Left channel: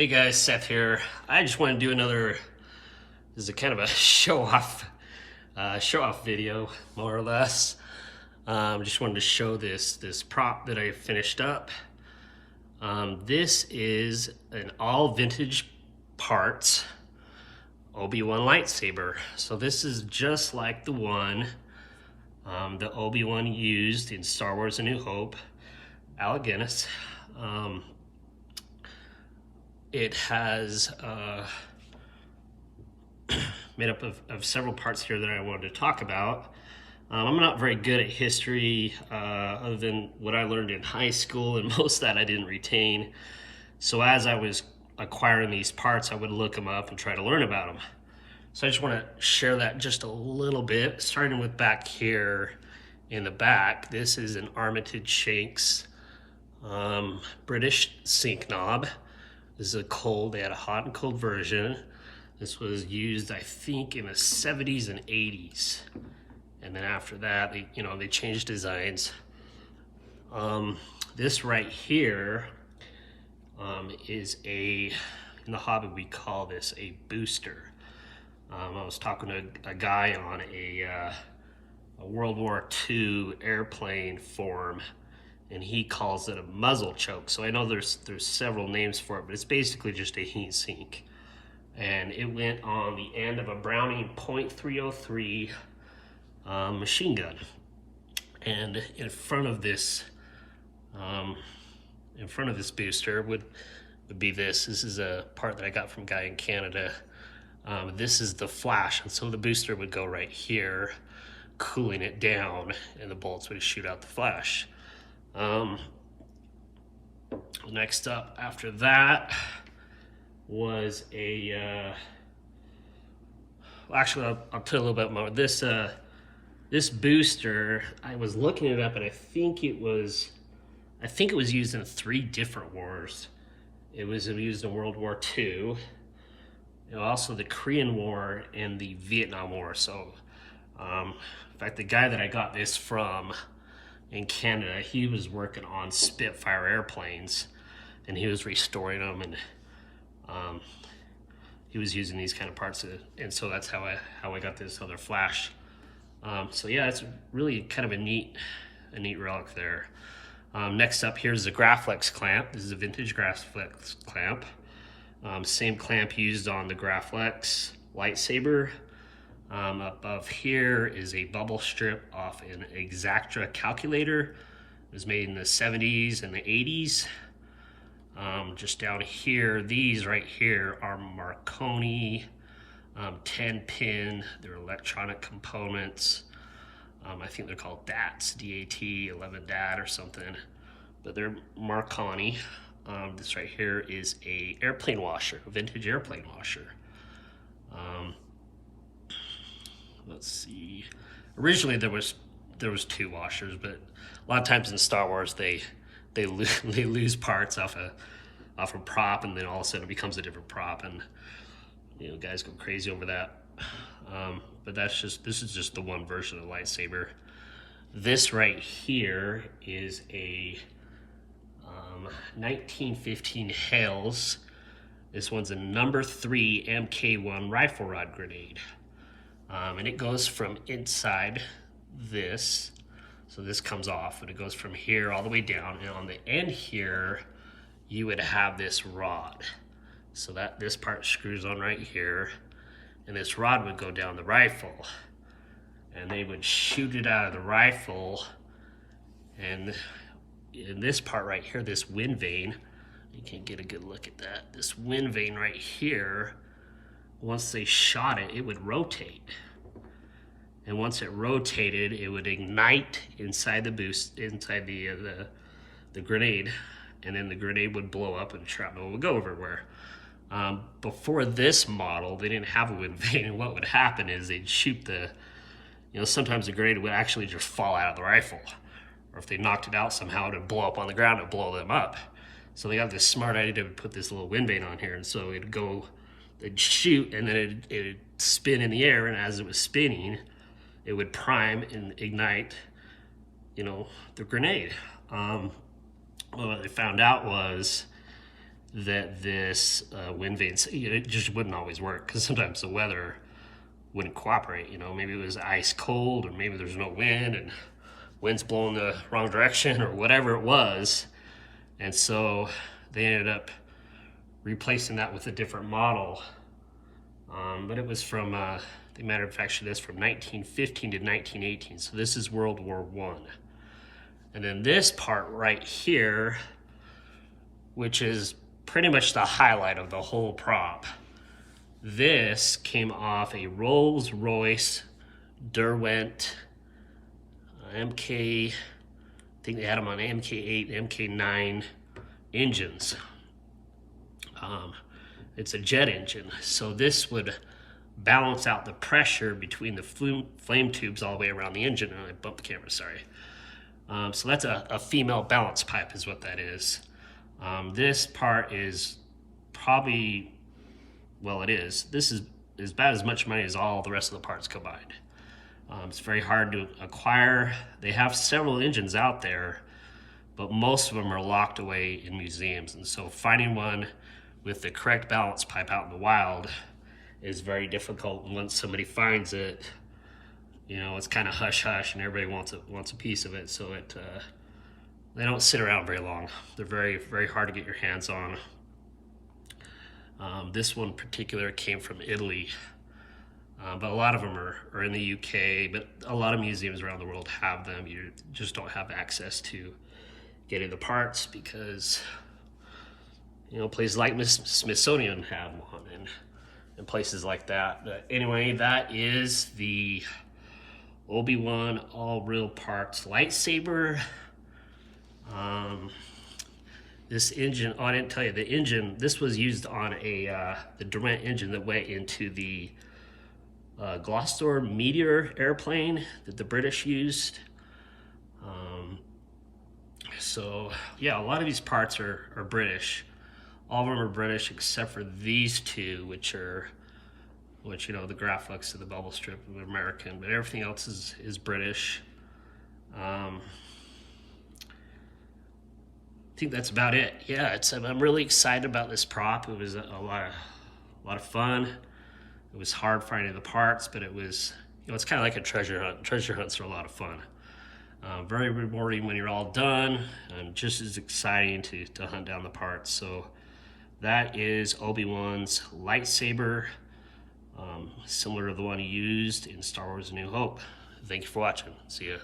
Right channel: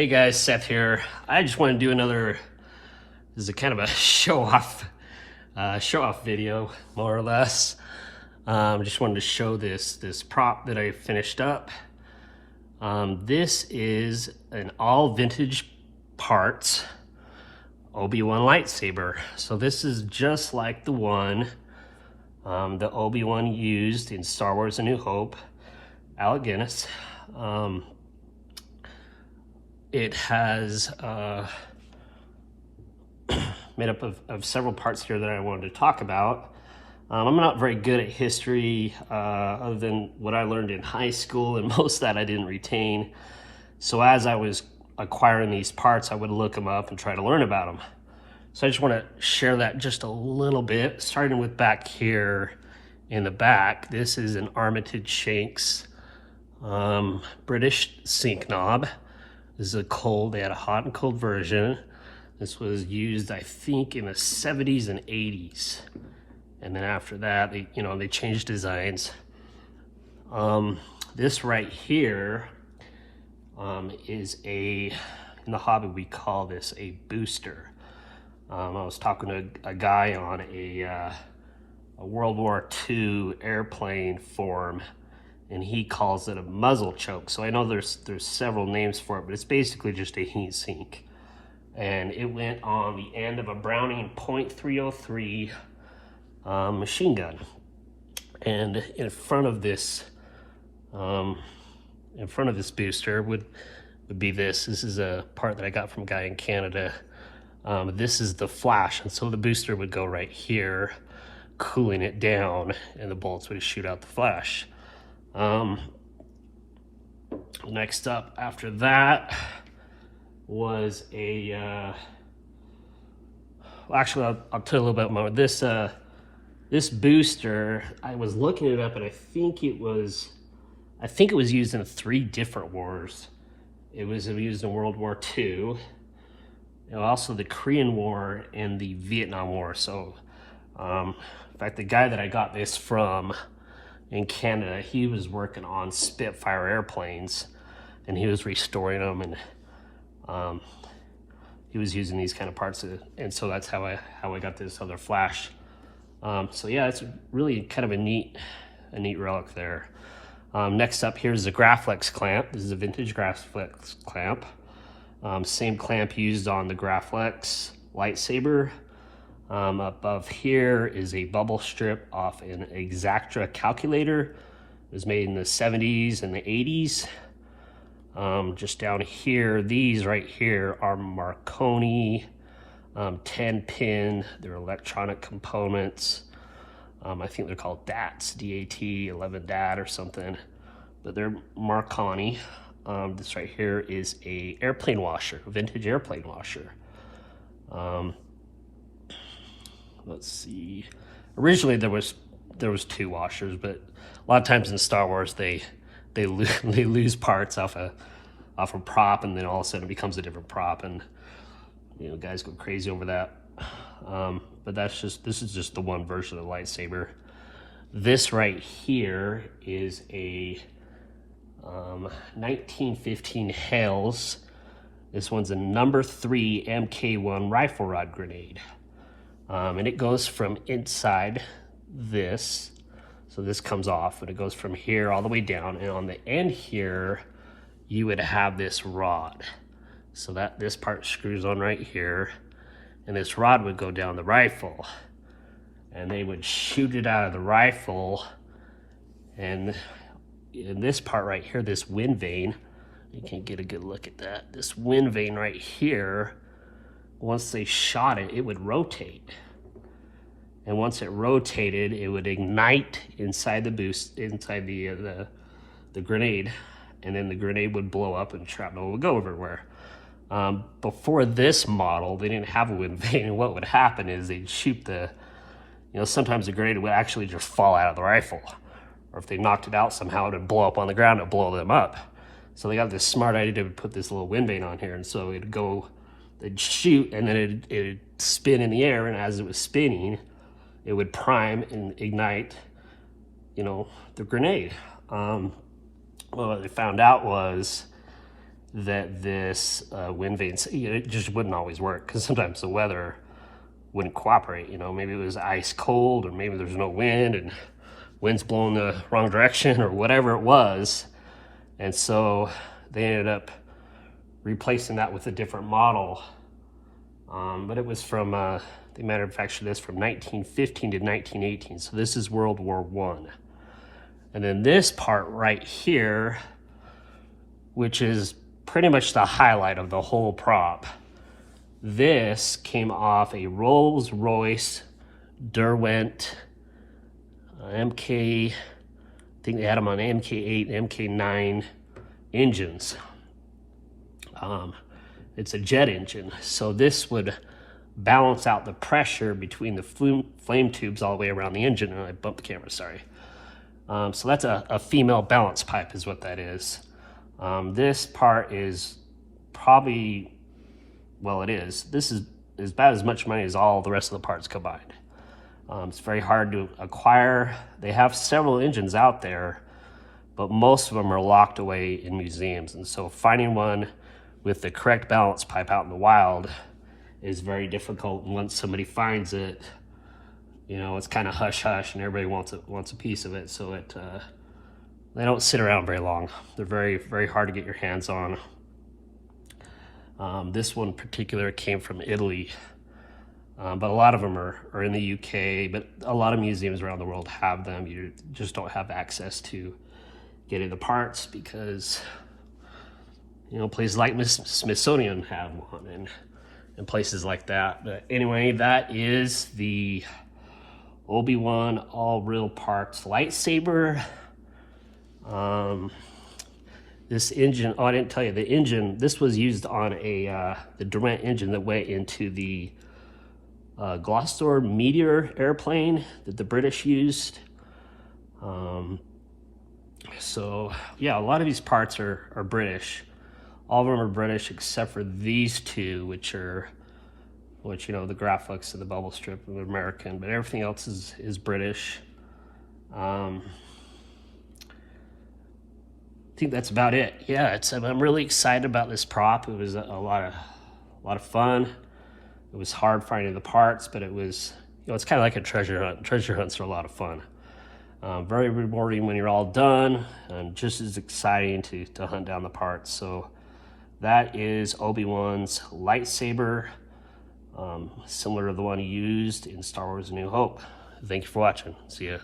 Hey guys, Seth here. I just want to do another, this is a kind of a show-off video, more or less. Just wanted to show this prop that I finished up. This is an all vintage parts Obi-Wan Lightsaber. So this is just like the one that Obi-Wan used in Star Wars A New Hope, Alec Guinness. It has made up of several parts here that I wanted to talk about. I'm not very good at history other than what I learned in high school, and most of that I didn't retain. So as I was acquiring these parts, I would look them up and try to learn about them. So I just want to share that just a little bit, starting with back here in the back. This is an Armitage Shanks British sink knob. This is they had a hot and cold version. This was used, I think, in the 70s and 80s. And then after that, they changed designs. This right here is in the hobby, we call this a booster. I was talking to a guy on a World War II airplane form, and he calls it a muzzle choke. So I know there's several names for it, but it's basically just a heat sink. And it went on the end of a Browning .303 machine gun. And in front of this booster would be this. This is a part that I got from a guy in Canada. This is the flash, and so the booster would go right here, cooling it down, and the bullets would shoot out the flash. Next up after that was actually I'll tell you a little bit more. This booster, I was looking it up, and I think it was used in 3 different wars. It was used in World War II, and also the Korean War and the Vietnam War. So in fact, the guy that I got this from in Canada, he was working on Spitfire airplanes, and he was restoring them, and he was using these kind of parts, and so that's how I got this other flash. So yeah, it's really kind of a neat relic there. Next up, here's the Graflex Clamp. This is a vintage Graflex Clamp. Same clamp used on the Graflex Lightsaber. Above here is a bubble strip off an Exactra calculator. It was made in the 70s and the 80s. Just down here, these right here are Marconi 10-pin. They're electronic components. I think they're called DATs, D-A-T, 11 DAT or something, but they're Marconi. This right here is a airplane washer, vintage airplane washer. Let's see. Originally there was 2 washers, but a lot of times in Star Wars they lose parts off a prop, and then all of a sudden it becomes a different prop, and guys go crazy over that. But this is just the one version of the lightsaber. This right here is a 1915 Hales. This one's a number 3 Mk1 Rifle Rod Grenade. And it goes from inside this, so this comes off, and it goes from here all the way down, and on the end here you would have this rod, so that this part screws on right here, and this rod would go down the rifle, and they would shoot it out of the rifle. And in this part right here, this wind vane, you can get a good look at that. This wind vane right here, once they shot it, it would rotate. And once it rotated, it would ignite inside the the grenade, and then the grenade would blow up and shrapnel would go everywhere. Before this model, they didn't have a wind vane. What would happen is they'd shoot sometimes the grenade would actually just fall out of the rifle, or if they knocked it out somehow, it would blow up on the ground and blow them up. So they got this smart idea to put this little wind vane on here, and so they'd shoot, and then it'd spin in the air, and as it was spinning, it would prime and ignite, the grenade. What they found out was that this wind vane, it just wouldn't always work, because sometimes the weather wouldn't cooperate. You know, maybe it was ice cold, or maybe there's no wind and wind's blowing the wrong direction, or whatever it was. And so they ended up replacing that with a different model. But it was from, they manufactured this from 1915 to 1918. So this is World War I. And then this part right here, which is pretty much the highlight of the whole prop, this came off a Rolls-Royce Derwent MK, I think they had them on MK8, MK9 engines. It's a jet engine, so this would balance out the pressure between the flame tubes all the way around the engine. And I bumped the camera, sorry. So that's a female balance pipe is what that is. This part is probably, well, it is. This is about as much money as all the rest of the parts combined. It's very hard to acquire. They have several engines out there, but most of them are locked away in museums. And so finding one with the correct balance pipe out in the wild is very difficult. And once somebody finds it, you know, it's kind of hush hush, and everybody wants a piece of it. So they don't sit around very long. They're very hard to get your hands on. This one in particular came from Italy, but a lot of them are in the UK. But a lot of museums around the world have them. You just don't have access to getting the parts because, you know, places like Smithsonian have one, and places like that. But anyway, that is the Obi-Wan all real parts lightsaber. This engine, oh, I didn't tell you, the engine, this was used on the Derwent engine that went into the Gloucester Meteor airplane that the British used. So yeah, a lot of these parts are British. All of them are British except for these two, which you know, the Graflex and the bubble strip are American, but everything else is British. I think that's about it. Yeah, I'm really excited about this prop. It was a lot of fun. It was hard finding the parts, but it was, you know, it's kind of like a treasure hunt. Treasure hunts are a lot of fun. Very rewarding when you're all done, and just as exciting to hunt down the parts. So that is Obi-Wan's lightsaber, similar to the one he used in Star Wars A New Hope. Thanks for watching. See ya.